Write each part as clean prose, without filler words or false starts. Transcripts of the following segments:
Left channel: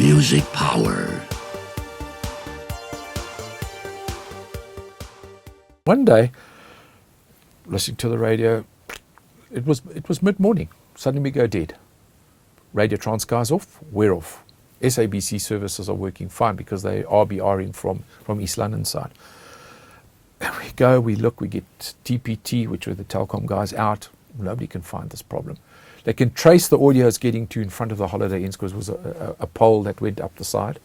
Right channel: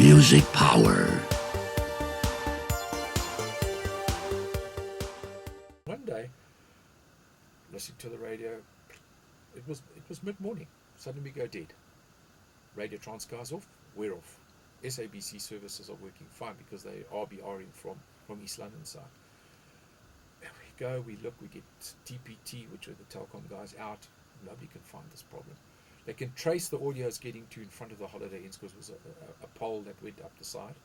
Music Power. One day, listening to the radio, it was mid-morning. Suddenly we go dead. Radio Transkei's off, we're off. SABC services are working fine because they are RBRing from East London side. And we go, we look, we get TPT, which are the Telkom guys, out. Nobody can find this problem. They can trace the audio it's getting to in front of the Holiday Inns because it was a pole that went up the side.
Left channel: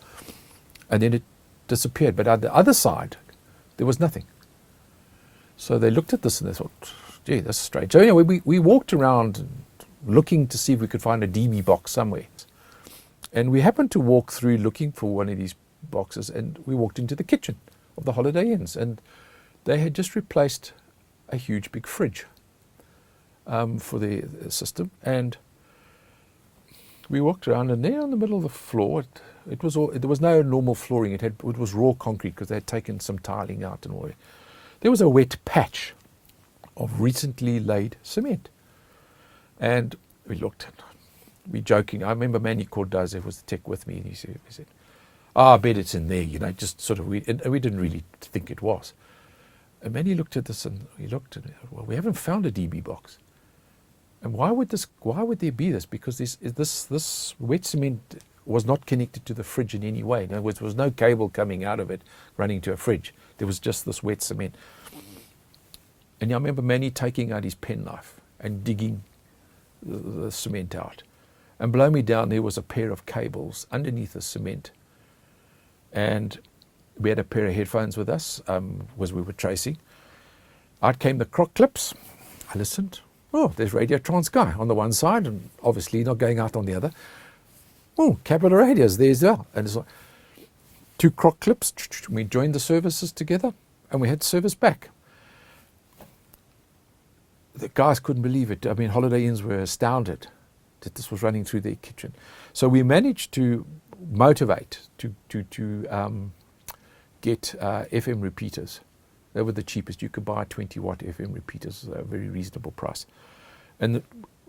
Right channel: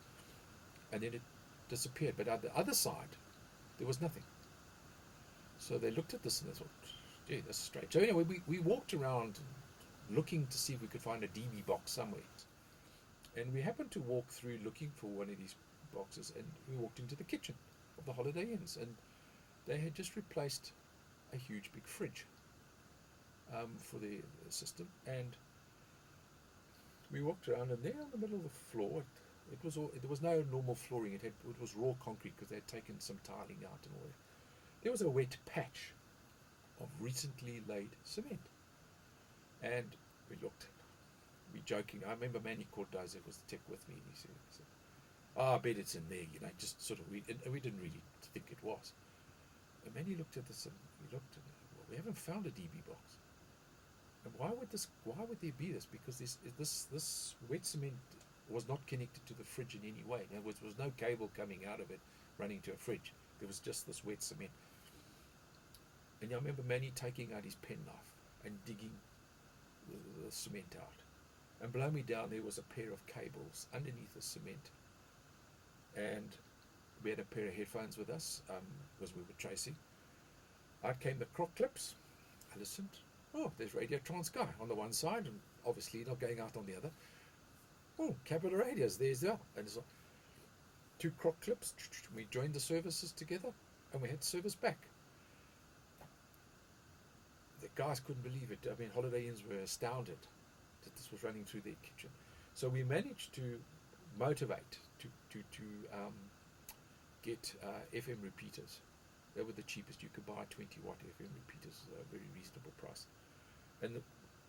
And then it disappeared. But at the other side, there was nothing. So they looked at this and they thought, gee, that's strange. So anyway, we walked around looking to see if we could find a DB box somewhere. And we happened to walk through looking for one of these boxes, and we walked into the kitchen of the Holiday Inns, and they had just replaced a huge big fridge for the system. And we walked around, and there in the middle of the floor, it was all, there was no normal flooring. It was raw concrete because they had taken some tiling out and all. There was a wet patch of recently laid cement. And we looked, we joking. I remember Manny Cordoza was the tech with me, and he said, I bet it's in there, just sort of, and we didn't really think it was. And Manny looked at this and he looked and well, we haven't found a DB box. And why would there be this? Because this wet cement was not connected to the fridge in any way. In other words, there was no cable coming out of it running to a fridge. There was just this wet cement. And I remember Manny taking out his penknife and digging the cement out. And below me down there was a pair of cables underneath the cement. And we had a pair of headphones with us as we were tracing. Out came the croc clips. I listened. Oh, there's Radio Transkei on the one side and obviously not going out on the other. Oh, Capital Radio's there as well. And it's like two croc clips. We joined the services together and we had service back. The guys couldn't believe it. I mean, Holiday Inns were astounded that this was running through their kitchen. So we managed to motivate to get FM repeaters. They were the cheapest. You could buy 20-watt FM repeaters at a very reasonable price. And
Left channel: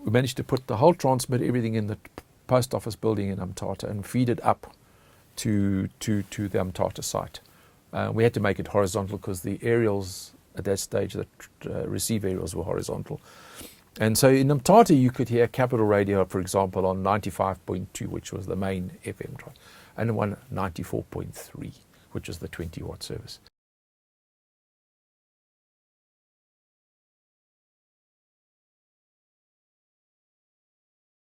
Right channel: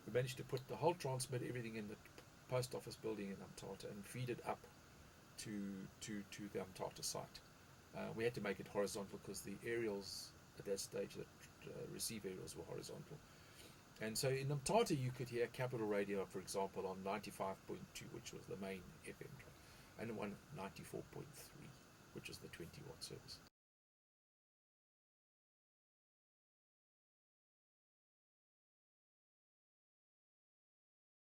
we managed to put the whole transmitter, everything in the post office building in Umtata and feed it up to the Umtata site. We had to make it horizontal because the aerials at that stage, the receive aerials were horizontal. And so in Umtata, you could hear Capital Radio, for example, on 95.2, which was the main FM, and one 94.3, which is the 20-watt service.